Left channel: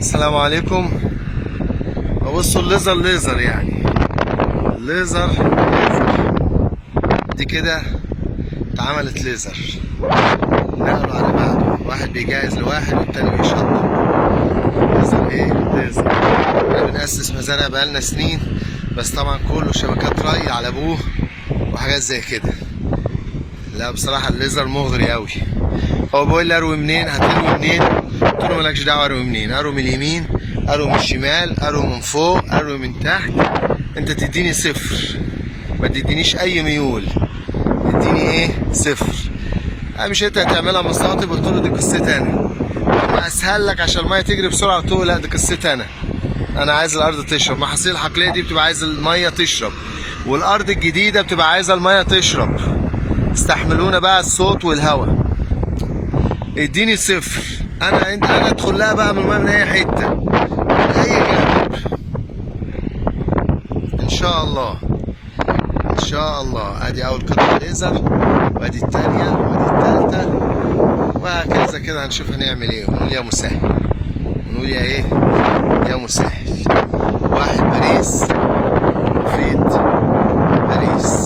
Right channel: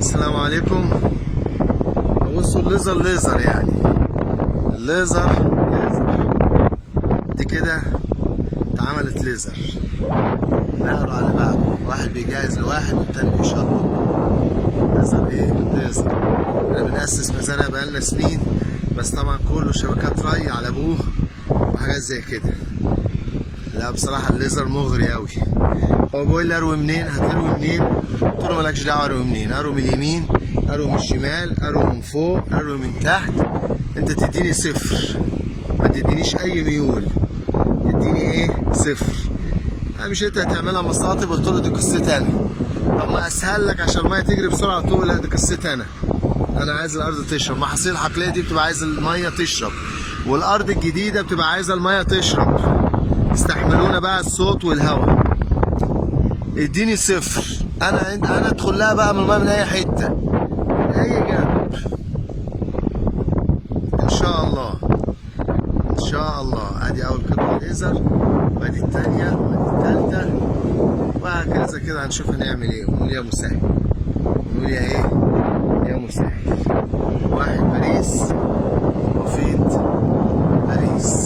السلام عليكم. بصوا الليزر ليزر يعني الليزر دي كده اتعملت ليزر، نقلوا على بعض، واحد بيجهز لواحد والتاني بيشطب. ليزر ايه؟ ليزر. احنا بنأسس مزارع بقالنا سنين، بس طبعا كله شبكات ري على ابوه وحاجات زي كده. لا بصراحة الليزر مغري اوي. هو بيقول لي اروي منين؟ هتروي منين؟ قلت له مالكش دعوة اروي منين، اروي من اليمين، اروي من الشمال، اروي من فوق، اروي من تحت، انت تديني صفر، ما تدينيش اي ميول، تديني ايه؟ صفر. مش انت هتعملها مصاطب؟ قلت له دي قصتي انا. طب ما اسهل لك عشان الميه تجري بسرعه؟ قلت له لا دي قصتي انا عايز الارض تشرب. محاصيل الحقليه دي بتبقى عايزه الميه تشرب، والارض الجديده بتبقى عايزه الميه تشرب. استحملونا بقى الصوت والهواء. اديني صفر، انا ادخل لها بقى من الميه من اي حته، من اي جانب، ان شاء الله ان شاء الله. ادي اول قطعه ليزر، وادي الثانيه، وادي الثالثه، وهكذا كده. هنشوف هنعمل ايه، ونقول يا مسهل، ونقول يا ايه، يا مسهل. واحد باريس، مفيد باريس.